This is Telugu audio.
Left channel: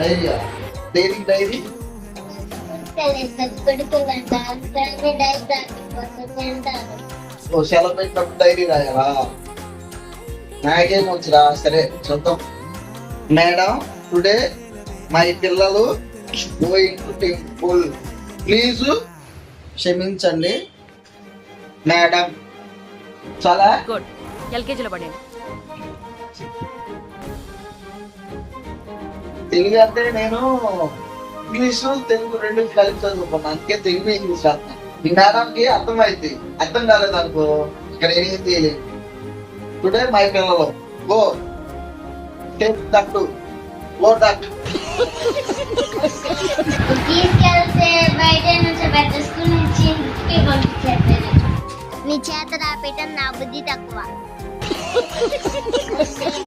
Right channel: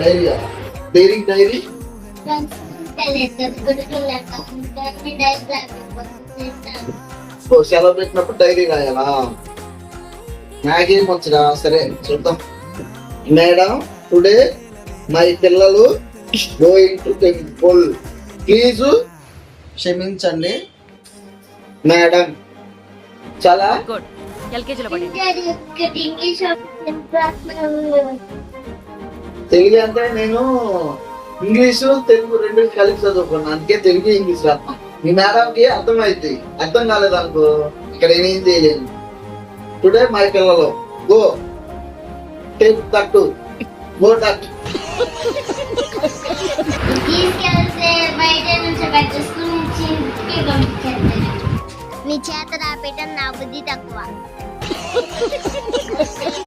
డైరీయా? డైరీ డైరీ ఓ సెలవు పెట్టినప్పుడు డైరీ రాయాలా? నాకేం వచ్చురా. సరే చూద్దాం. మేడం, టుడే మై పిల్లలు గోయింగ్ టు టెంపుల్. ప్లీజ్ క్షమించండి మేడం. చాలా గుడ్. ఎల్కేజీలో పడండి. తెలుగు అంటే నేను ఇంగ్లీషు తెలుగు రెండు కలిపి చదువుకున్నాను, అందుకే తెలుగు ఇంగ్లీష్ రాస్తాను. మీ మేడంకి అర్థమైంది. అర్థం కాలేదు అనుకో ఇక్కడ ఏం చేయలేదు. టుడే మై పిల్లలు go take that go that. నీ చేత రాపేయటం నా బుద్ధి తక్కువ.